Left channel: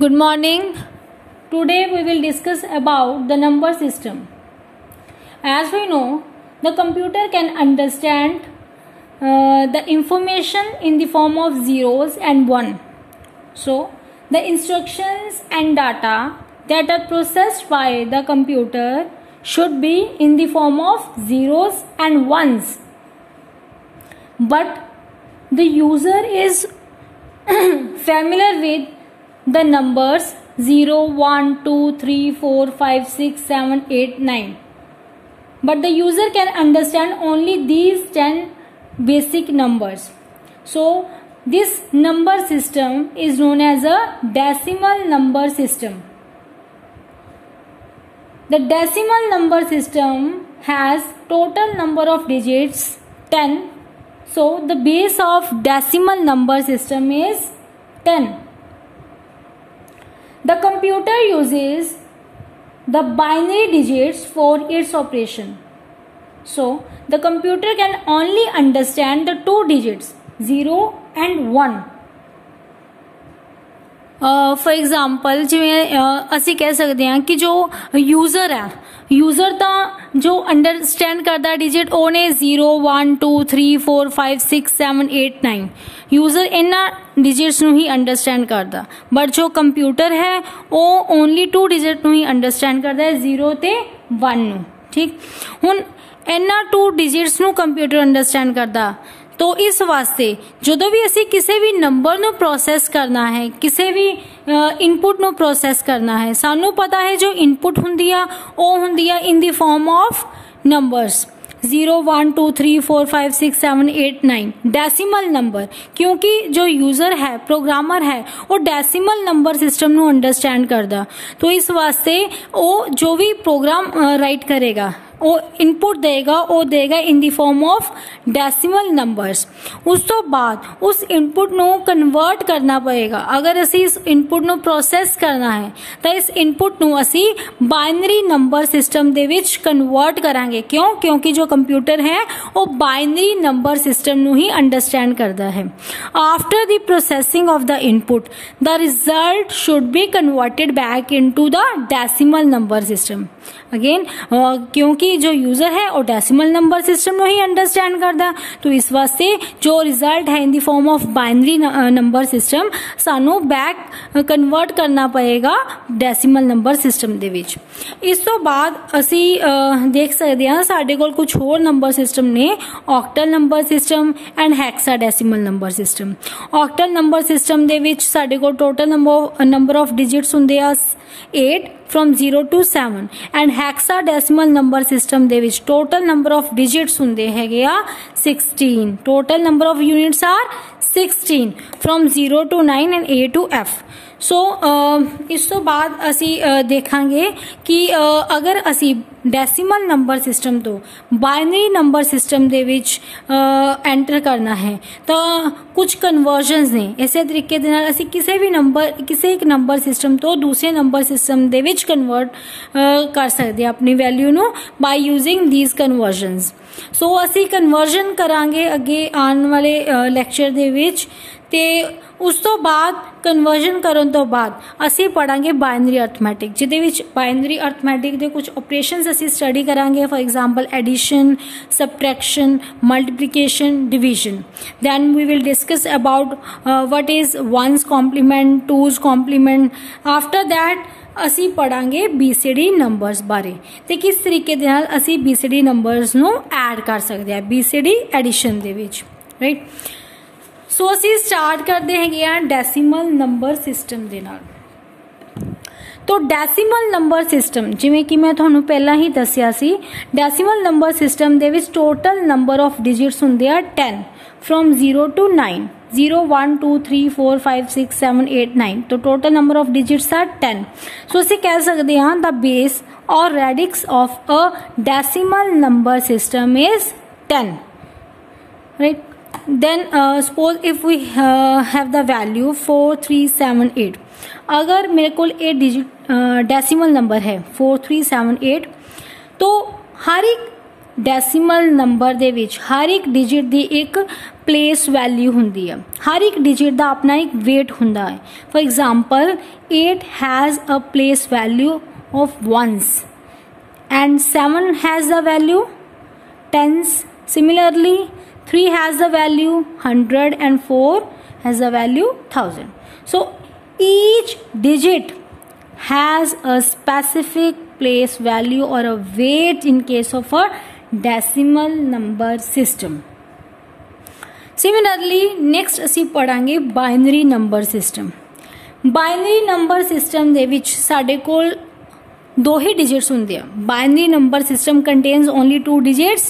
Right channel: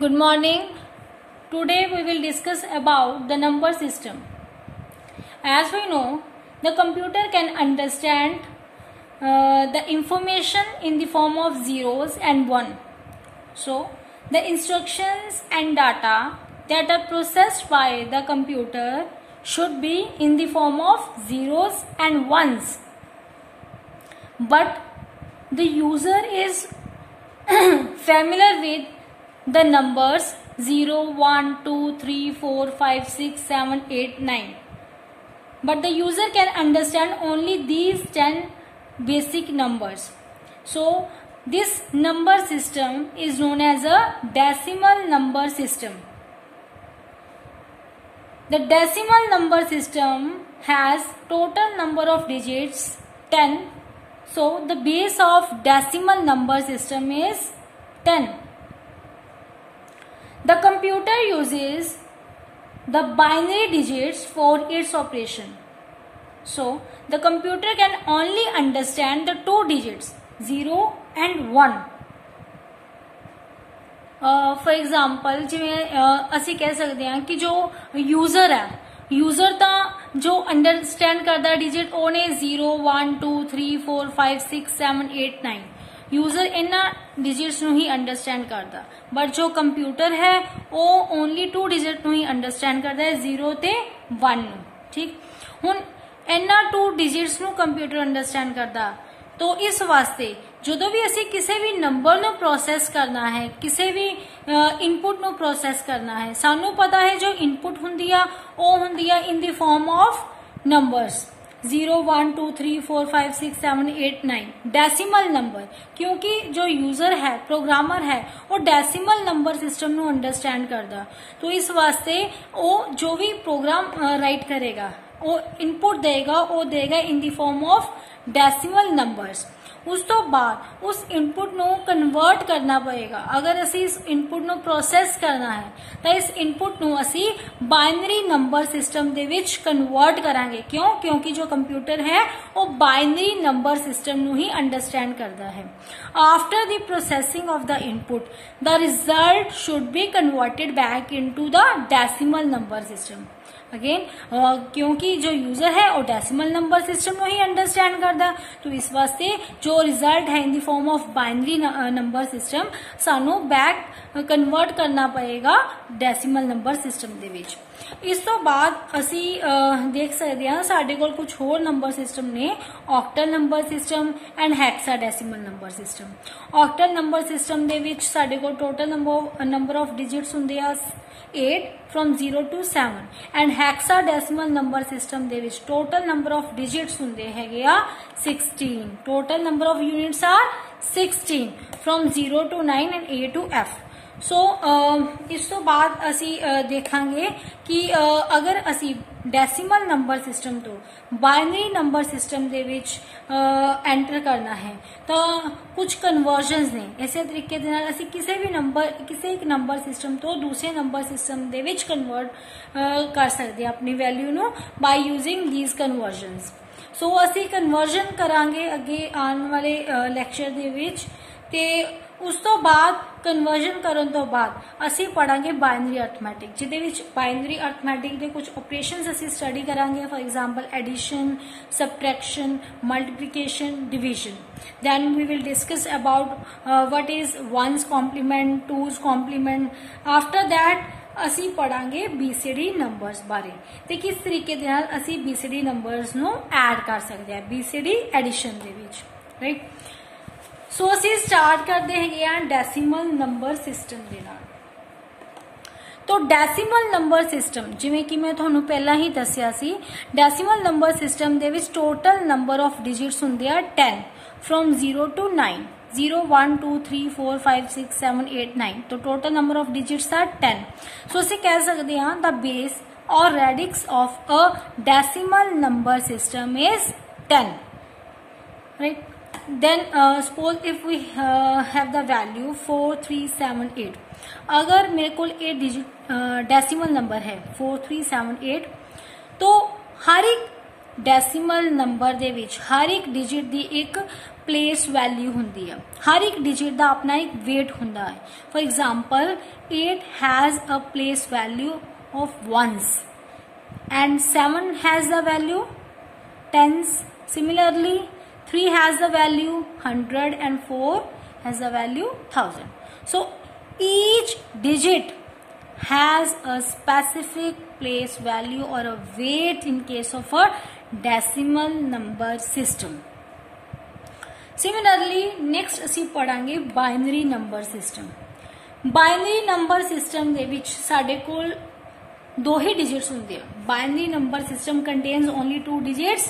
Good morning. Today we will discuss about the number system. As we know, the computer can understand the information in the form of zeros and one. So, the instructions and data that are processed by the computer should be in the form of zeros and ones. But the user is familiar with the numbers 0, 1, 2, 3, 4, 5, 6, 7, 8, 9. But the user can understand only these 10 basic numbers. So, this number system is known as a decimal number system. The decimal number system has total number of digits 10. So, the base of decimal number system is 10. The computer uses the binary digits for its operation. So, the computer can only understand the two digits 0 and 1. For example, जिवें असी कह सकते हैं कि जो user है user तो जो अंडरस्टैंड करता डिजिट वो ने 0, 1, 2, 3, 4, 5, 6, 7, 8, 9 यूजर इन्हां डिजिट्स ਨੂੰ ही अंडरस्टैंड करता बट जो कंप्यूटर है वो ओनली टू डिजिट ਨੂੰ ही अंडरस्टैंड करता है 0 ਤੇ 1 ਨੂੰ ठीक ਹੁਣ इन्हां टू डिजिट्स ਨੂੰ कंप्यूटर अंडरस्टैंड करता तो इस वास्ते जो भी असी किसी भी नंबर नु प्रोसेस करना है किसी भी इनपुट नु प्रोसेस करना है सानू पता है जो इनपुट हुंदी आ वो हुंदी आ in the form of numbers 0, 1, 2, 3, 4, 5, 6, 7, 8, 9 decimal number क्योंकि जो यूजर है प्रोग्रामर है वो डेसिमल नंबर सिस्टम नु अंडरस्टैंड करदा तो इस वास्ते वो जो भी प्रोग्राम राइट करेगा वो इनपुट देगा वो देगा in the form of decimal numbers उस तो बाद उस इनपुट नो कन्वर्ट करना पड़ेगा अगर असी इस इनपुट नो प्रोसेस करना है तो इस इनपुट नो असी बाइनरी नंबर सिस्टम दे विच कन्वर्ट करांगे क्यों क्योंकि जो कंप्यूटर है वो बाइनरी नंबर सिस्टम नो ही अंडरस्टैंड करता है after the processing of the input the result should be converted back into the decimal number system again क्योंकि जो यूजर है वो डेसिमल नंबर सिस्टम में ही अंडरस्टैंड करता तो इस वास्ते जो रिजल्ट है in the form of binary number system सानू बैक कन्वर्ट करना पड़ेगा डेसिमल नंबर सिस्टम दे विच इस तो बाद असी देख सकते हैं साडे कोल कुछ होर नंबर सिस्टम ने octal number system and hexadecimal number system octal number system दे विच साडे कोल टोटल नंबर ऑफ डिजिट्स हुंदे आ 8 from 0 to 7 and hexadecimal number system ਦੇ ਵਿੱਚ total number of digits ਹੁੰਦੇ ਹੈਗੇ ਆ 16 total number of units are 16 from 0 to 9 and A to F सो इस तो बाद असी देखांगे कि अगर असी डेसिमल नंबर सिस्टम तो बाइनरी नंबर सिस्टम दे विच एंटर करना है तो कुछ कन्वर्जन्स ने इसे तरीके दे नाल असी किसी भी नंबर किसी एक नंबर सिस्टम तो दूसरे नंबर सिस्टम दे विच कन्वर्ट कर सकते हैं अपनी value know by using these conversions so असी कन्वर्जन करांगे अगे आने वाले लैक्चर दे विच ते उस तो बाद कन्वर्जन करन तो बाद असी पढ़ांगे बाइनरी अर्थमैटिक जिदे विच बाइनरी अर्थमैटिक दे कुछ ऑपरेशंस असी स्टडी करांगे for example addition subtraction multiplication division then we will discuss about what is one's complement two's complement after that असी पढ़ांगे बीसीडी नंबर्स बारे ते किस तरीके दे नाल असी बीसीडी नंबर्स नु ऐड कर सकते हैं बीसीडी एडिशन दे विच राइट सो असी स्टार्ट करते हैं डेसिमल नंबर सिस्टम दे नाल तो डेसिमल नंबर सिस्टम जिवें कि मैं तुहानू पहला ही दस्सिया सी डेसिमल नंबर सिस्टम दे विच टोटल नंबर ऑफ डिजिट्स हुंदे आ 10 फ्रॉम 0 to 9 0, 1, 2, 3, 4, 5, 6, 7, 8, 9 तो total number of digits are 10 so असी कह सकते हैं द बेस और radix of a decimal number system is 10 right then suppose if we have the value 4378 अगर मेरे को 8 डिजिट डेसिमल नंबर है 4378 तो हर एक डेसिमल नंबर दे विच हर एक डिजिट दी एक प्लेस वैल्यू ਹੁੰਦੀ ਹੈ। हर एक डिजिट ਦਾ ਆਪਣਾ एक वेट ਹੁੰਦਾ है। For example 8 has a place value of ones and 7 has the value tens. Similarly 3 has the value 100 and 4 has the value 1000. So each digit has a specific place value or a weight in case of a decimal number system. Similarly next ਅਸੀਂ ਪੜਾਂਗੇ binary number system. Binary number system ਦੇ ਵਿੱਚ ਸਾਡੇ ਕੋਲ ਦੋ ਹੀ digits ਹੁੰਦੇ ਆ। Binary number system contains only two digits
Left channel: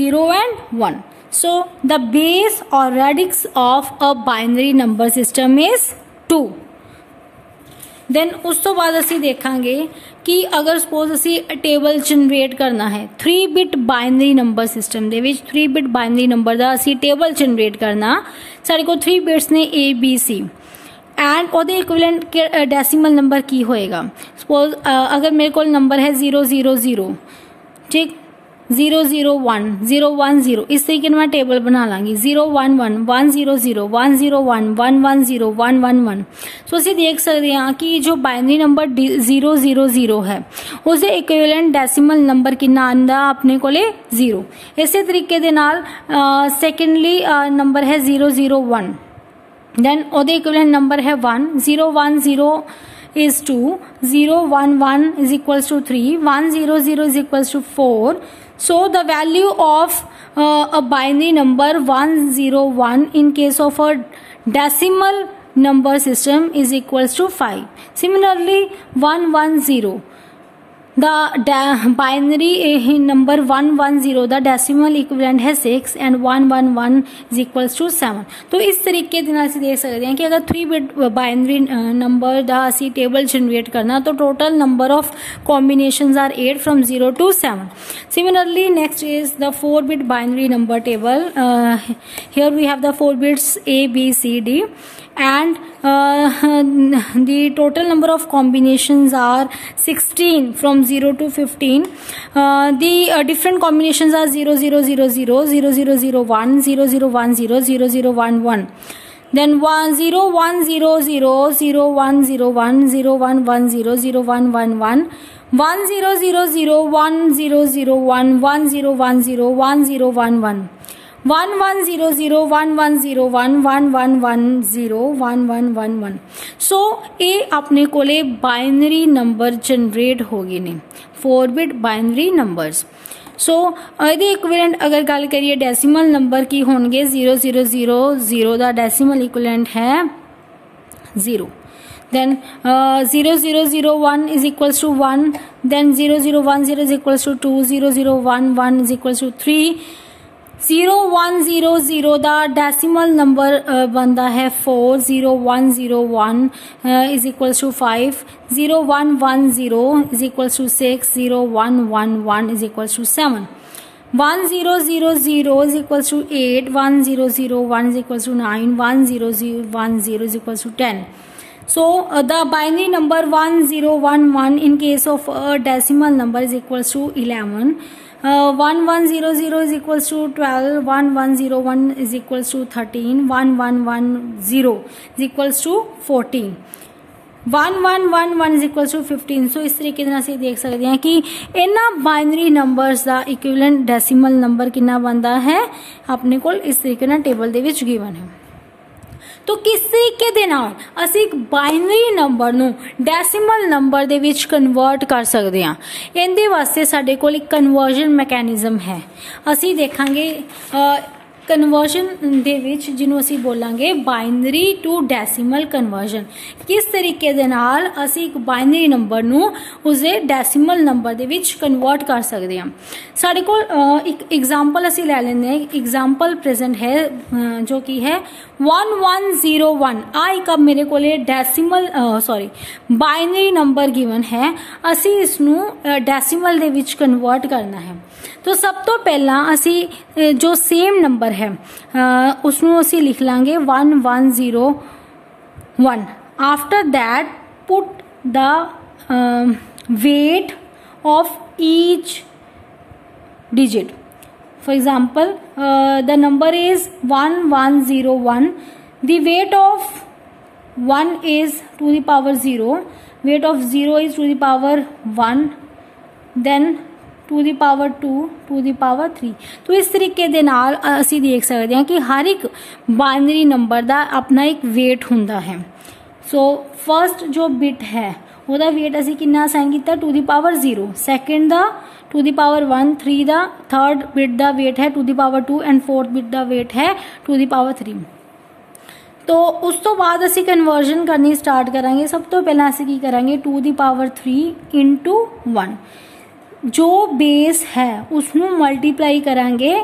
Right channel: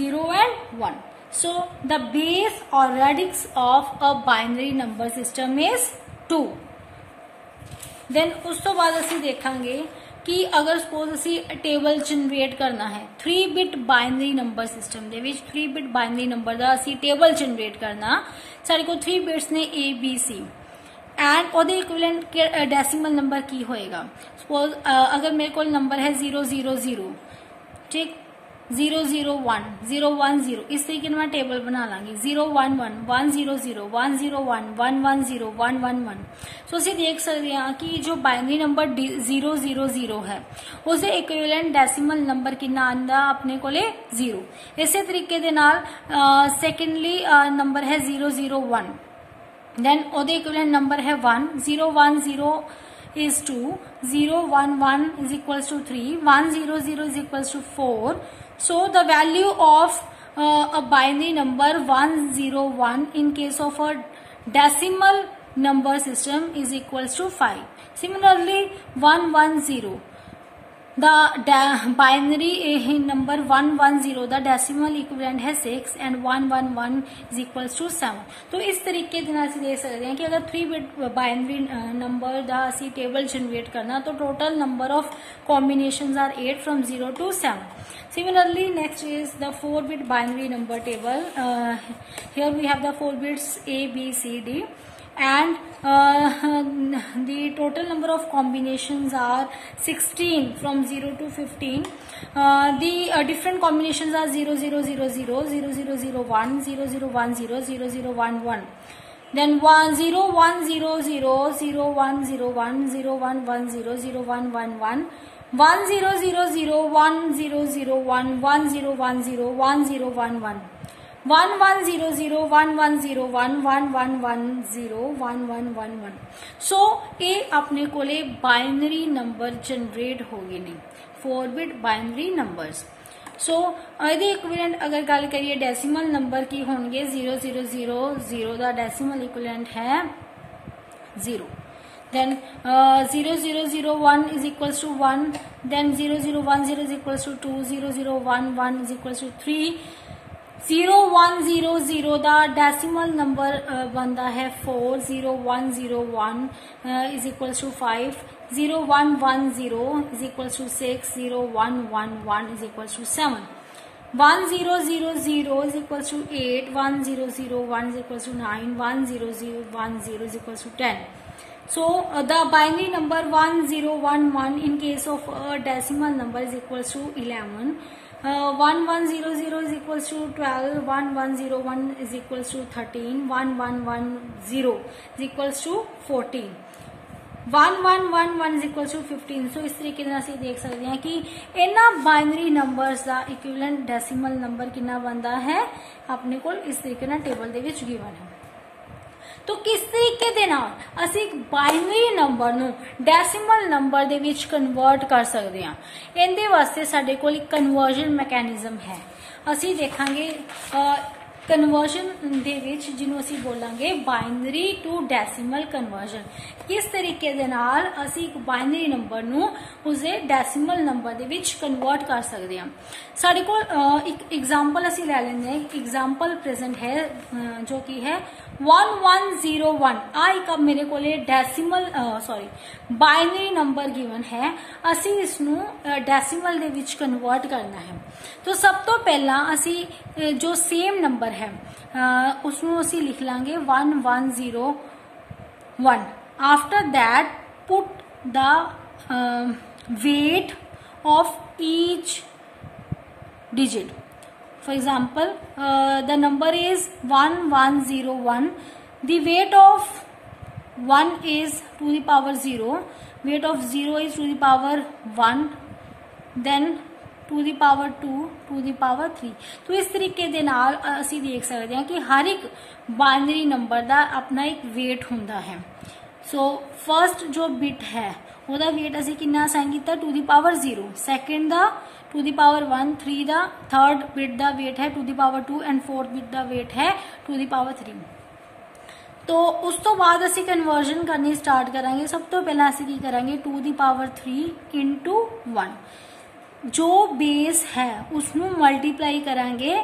0 and 1. So the base or radix of a binary number system is 2. then ਉਸ ਤੋਂ ਬਾਅਦ ਅਸੀਂ ਦੇਖਾਂਗੇ कि अगर सपोज असी टेबल जनरेट करना है 3 बिट बाइनरी नंबर सिस्टम दे विच 3 बिट बाइनरी नंबर दा असी टेबल जनरेट करना साडे को 3 बिट्स ने ABC एंड ओदे इक्विवेलेंट डेसिमल नंबर की होएगा। सपोज अगर मेरे को नंबर है 000 ठीक 001 010 इस तरीके मैं टेबल बना लांगी 011 100 101 110 111। सो ਅਸੀਂ देख सकते हैं कि जो बाइनरी नंबर 000 है उसके इक्विवेलेंट डेसिमल नंबर कितना आंदा अपने कोले 0। इसी तरीके दे नाल सेकेंडली नंबर है 001 देन ओदे इक्विवेलेंट नंबर है 1 010 is 2 011 is equals to 3 100 is equals to 4। So the value of a binary number 101 in case of a decimal number system is equals to 5. Similarly 110 the binary number 110 the decimal equivalent है 6 and 111 is equals to 7। तो इस तरीके ਦੇ ਨਾਲ ਅਸੀਂ देख सकते हैं कि अगर 3 बिट बाइनरी नंबर ਦਾ ਅਸੀਂ टेबल जनरेट करना तो total number of combinations are 8 from 0 to 7। Similarly next is the 4 bit binary number table। Here we have the 4 bits A B C D and the total number of combinations are 16 from 0 to 15। the different combinations are 0000 0001 0010 0011 then 0100 0101 0110 0111 1000 1001 1010 1011 1100 1101 1110 1111। सो ये अपने कोले binary number generate हो गए ने 4 bit binary numbers. सो ਇਹਦੇ equivalent अगर गल करिए डेसिमल नंबर की होंगे 0000 ਦਾ डेसिमल इक्विवेलेंट है 0 then 0001 is equals to 1 then 0010 is equals to 2 0011 is equals to 3 0100 the decimal number बनता है 4 0101 is equals to 5 0110 is equals to 6 0111 is equals to 7 1000 is equals to 8 1001 is equals to 9 1010 is equals to 10। So the binary number 1011 in case of a decimal number is equals to 11। 1100 is equals to 12 1101 is equals to 13 1110 is equals to 14 1111 is equals to 15। सो इस तरीके ਨਾਲ ਅਸੀਂ देख सकते हैं कि ਇਹਨਾਂ binary numbers ਦਾ equivalent decimal number ਕਿੰਨਾ ਬਣਦਾ ਹੈ ਆਪਣੇ ਕੋਲ ਇਸ ਤਰੀਕੇ ਨਾਲ ਟੇਬਲ ਦੇ ਵਿੱਚ ਗਿਵਨ ਹੈ। तो किस तरीके दे नाल असी एक बाइनरी नंबर नू डेसिमल नंबर दे विच कन्वर्ट कर सकते हैं। इहदे वास्ते साडे कोल एक कन्वर्जन मैकेनिज्म है। असी देखांगे कन्वर्जन दे विच जिन्हों असी बोलांगे बाइनरी टू डेसिमल कन्वर्जन। किस तरीके दे नाल असी एक बाइनरी नंबर नू उसदे डेसिमल नंबर दे विच कन्वर्ट कर सकते हैं। साडे कोल एक एग्जांपल असी ले लेंदे हैं। एग्जांपल प्रेजेंट है जो कि है 1101 आ एक अब मेरे को डेसिमल बाइनरी नंबर गिवन है। असी इसनू डेसिमल दे विच कन्वर्ट करना है। तो सब तो पहला असी जो सेम नंबर है उसनू असी लिख लांगे 1101। After that put the weight of each digit. For example, the number is 1101. The weight of 1 is to the power 0. Weight of 0 is to the power 1. Then to the power 2, to the power 3. तो इस तरीके दे नाल असी देख सकते हैं कि हर एक बाइनरी नंबर दा अपना एक वेट हुंदा है. सो फर्स्ट जो बिट है ਉਹਦਾ weight ਅਸੀਂ ਕਿੰਨਾ ਅਸਾਈਨ ਕੀਤਾ टू द पावर 0. ਸੈਕੰਡ ਦਾ टू द पावर 1. 3 ਦਾ थर्ड बिट ਦਾ weight है two the power 2 and fourth bit ਦਾ weight है टू द पावर 3. तो उस तो बाद ਅਸੀਂ ਕਨਵਰਜਨ ਕਰਨੀ ਸਟਾਰਟ ਕਰਾਂਗੇ. ਸਭ ਤੋਂ ਪਹਿਲਾਂ ਅਸੀਂ ਕੀ ਕਰਾਂਗੇ टू द पावर 3 into 1. जो बेस है उसनू मल्टीप्लाई करांगे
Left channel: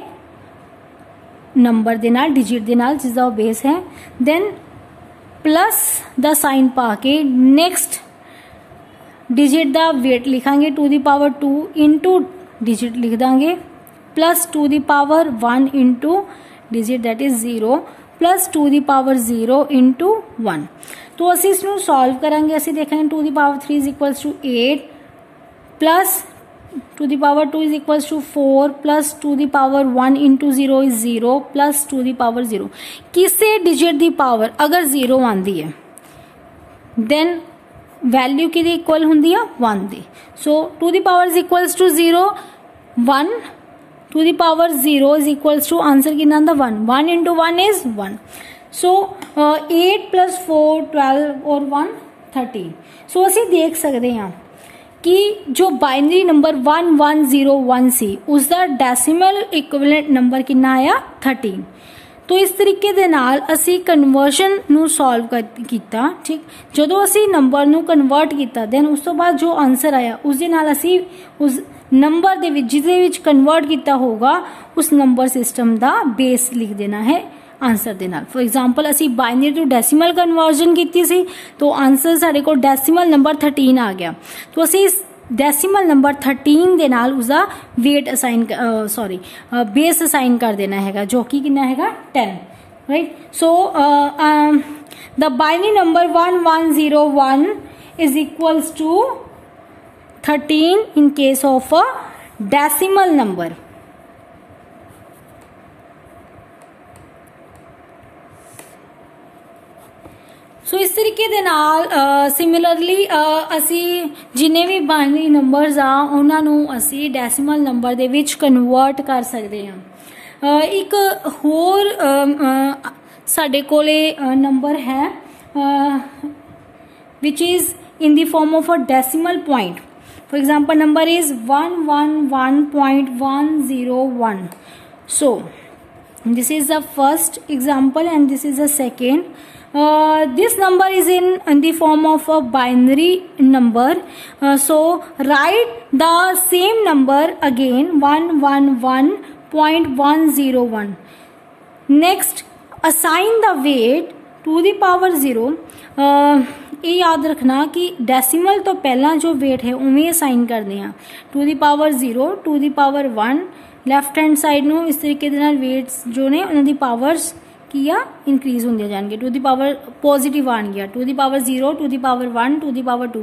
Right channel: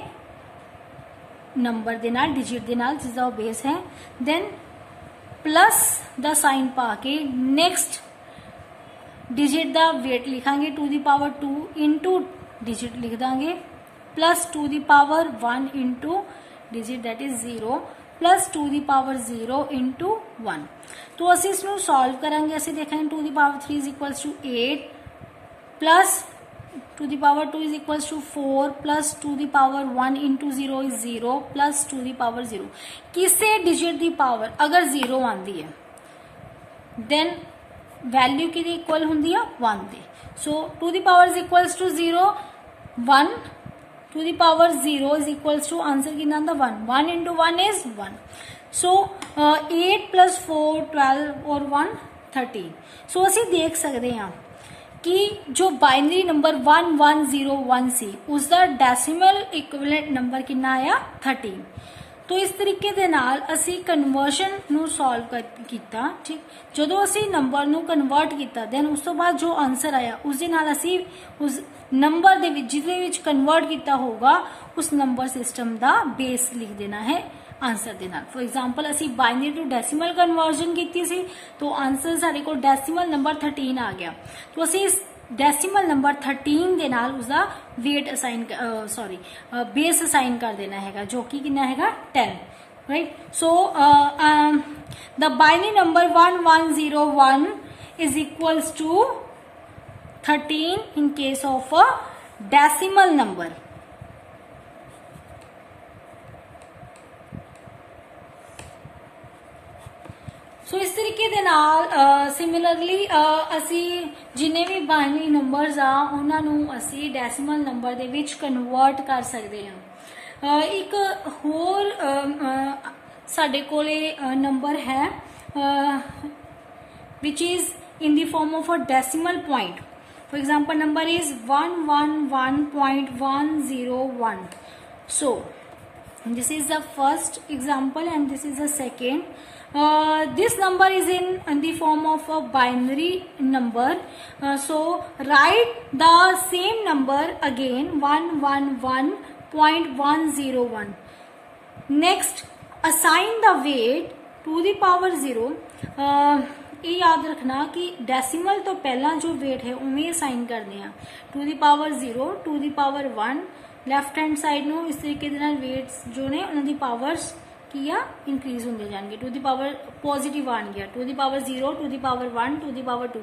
नंबर दे नाल, डिजिट दे नाल जिसदा वो बेस है. देन प्लस द साइन पा के नेक्स्ट डिजिट दा वेट लिखांगे to the power 2 into digit लिख दांगे plus to the power 1 into digit that is 0 plus to the power 0 into 1. तो असी इसनू सॉल्व करांगे. असी देखेंगे to the power 3 is equals to 8 plus to the power 2 is equals to 4 plus to the power 1 into 0 is 0 plus to the power 0. किसी digit the power अगर 0 आंदी है देन वैल्यू कि इक्वल होंगी 1 दी. So to the power is equals to 0 1 to the power 0 is equals to answer कितना आंदा 1. 1 into 1 is 1. So 8 plus 4 12 और 1 13. सो असी देख सकते हैं कि जो बाइनरी नंबर 1101 सी उसका डेसिमल इक्विवेलेंट नंबर कितना आया 13. तो इस तरीके दे नाल असी कन्वर्जन नू सॉल्व किया. ठीक, जदों असी नंबर नू कन्वर्ट किया देन उस तो बाद जो आंसर आया उस दे नाल असी उस नंबर दे विच जिहदे विच कन्वर्ट किया होगा उस नंबर सिस्टम दा बेस लिख देना है आंसर दे नाल. फॉर एग्जाम्पल असी बाइनरी टू डेसिमल कन्वर्जन की सी तो आंसर साडे कोल डेसिमल नंबर 13 आ गया. तो असी इस डेसिमल नंबर 13 दे नाल उसका वेट असाइन बेस असाइन कर देना हैगा जो कि कितना हैगा 10. Right. So the binary number 1101 is equals to 13 in case of a decimal number. So इस तरीके दे नाल सिमिलरली असी जिन्ने भी बाइनरी नंबर्स आ उन्हां नू असी डेसिमल नंबर दे विच कन्वर्ट कर सकते हैं. एक होर साडे कोले नंबर है which is in the form of a decimal point. For example number is 111.101. So this is the first example and this is the second. This number is in the form of a binary number. So write the same number again 111.101. Next assign the weight to the power 0. ये याद रखना कि decimal तो पहला जो wait है उमें assign करते हैं two the power 0 two the power 1. Left hand side नो इस तरीके दे नाल वेट्स जो ने उन्हां दी पावर्स किया इंक्रीज होंगे जाएंगे. टू दी पावर पॉजिटिव आन गया two the power 0 two the power 1 two the power 2.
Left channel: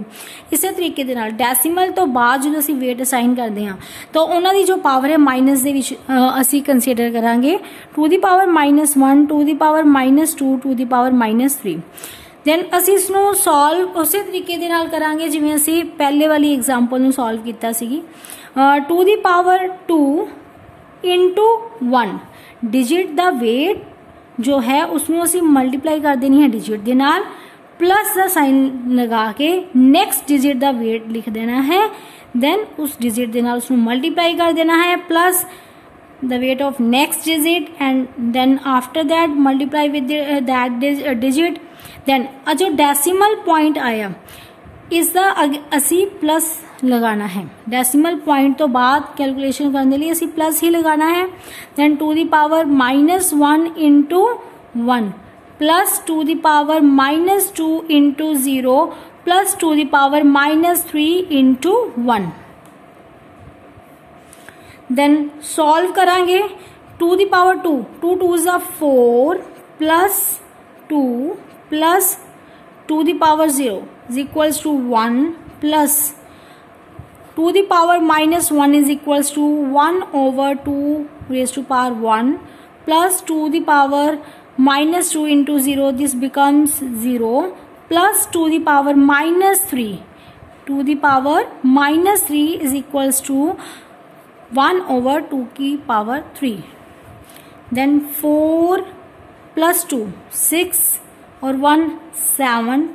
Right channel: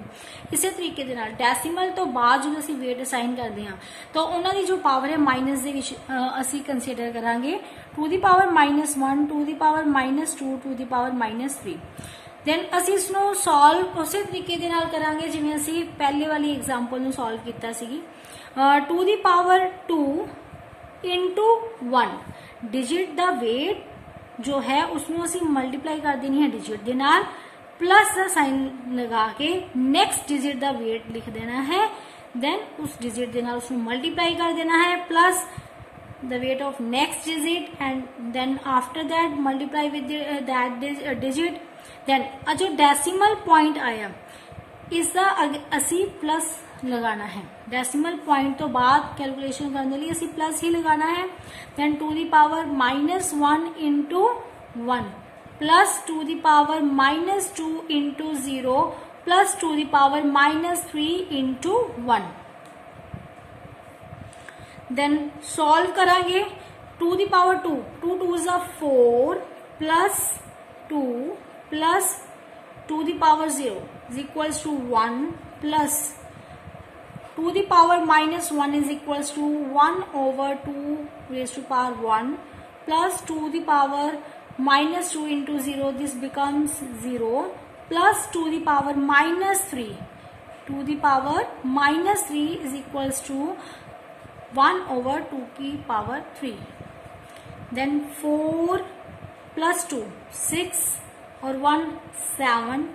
इसी तरीके दे नाल डेसिमल तो बाद जो असी वेट असाइन करते हैं तो उन्होंने जो पावर है माइनस दे विच असी कंसीडर करांगे two the power -1 two the power -2 two the power -3. Then असी इसनू सॉल्व उसी तरीके दे नाल करांगे जिवें असी पहले वाली एग्जांपल नू सॉल्व कीता सीगी. To the power 2 into 1 digit दा वेट जो है उसमें असी मल्टीप्लाई कर देनी है डिजिट दे नाल प्लस द साइन लगा के नेक्स्ट डिजिट दा वेट लिख देना है. देन उस डिजिट दे नाल उसमें मल्टीप्लाई कर देना है plus the weight of next digit and then after that multiply with that digit. Then जो डेसिमल पॉइंट आया इसका असी प्लस लगाना है. डेसिमल पॉइंट तो बाद कैलकुलेशन करने के लिए असी प्लस ही लगाना है. Then to the power -1 into 1 plus to the power -2 into 0 plus to the power -3 into 1. Then solve करांगे to the power 2 2 2 is 4 plus 2 plus to the power 0 is equals to 1 plus 2 the power minus 1 is equals to 1 over 2 raised to power 1 plus 2 the power minus 2 into 0, this becomes 0, plus 2 the power minus 3. 2 the power minus 3 is equals to 1 over 2 की power 3. Then 4 plus 2 6 और 1 7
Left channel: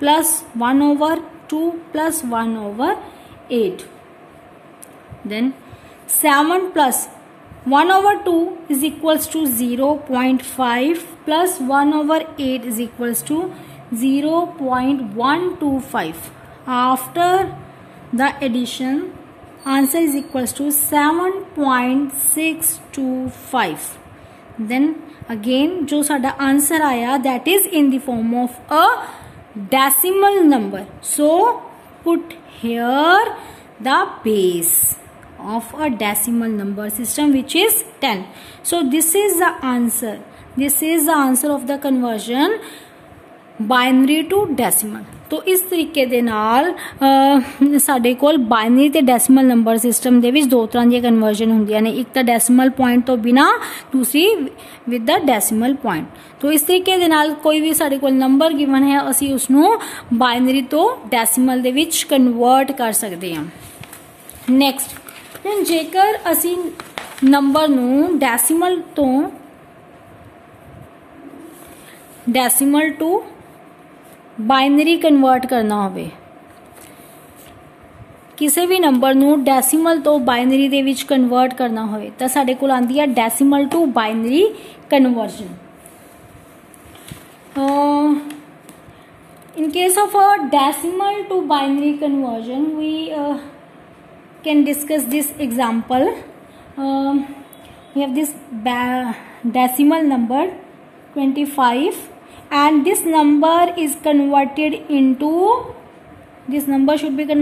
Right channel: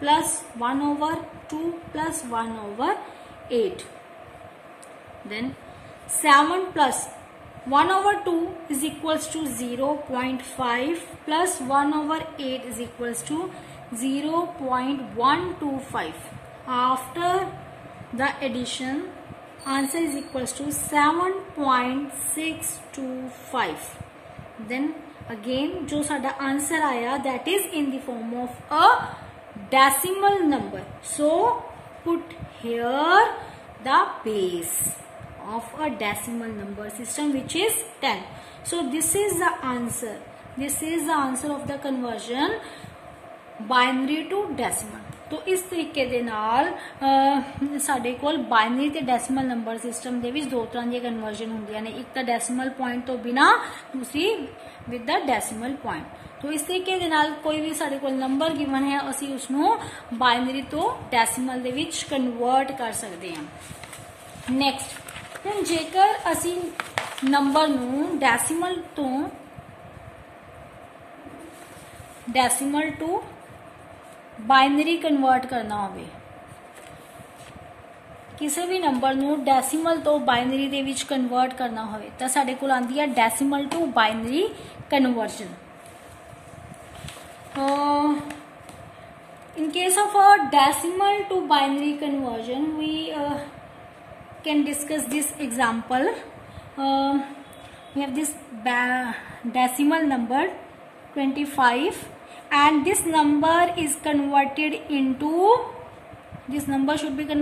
plus 1 over 2 plus 1 over 8. Then 7 plus 1 over 2 is equals to 0.5 plus 1 over 8 is equals to 0.125. After the addition, answer is equals to 7.625. Then again जो साडा answer आया, that is in the form of a decimal number. So put here the base of a decimal number system, which is 10. So this is the answer. This is the answer of the conversion binary to decimal. तो इस तरीके दे नाल साडे कोल binary ते decimal number system दे विच दो तरह दी conversion हुंदियां ने, एक तो डेसिमल पॉइंट तो बिना, दूसरी विद द डेसिमल पॉइंट. तो इस तरीके दे नाल कोई भी साडे कोल नंबर गिवन है, असी उसनू बाइनरी तो डेसिमल दे विच कन्वर्ट कर सकते हैं. नेक्स्ट, हुण जेकर असी नंबर नू डेसिमल टू बाइनरी कन्वर्ट करना होवे, किसी भी नंबर नू डेसिमल तो बाइनरी दे विच कन्वर्ट करना होवे तो साडे कोल आंदी है decimal to binary conversion. In case of a decimal to binary conversion, we can discuss this example. We have this decimal number 25 and this number is converted into, this number should be converted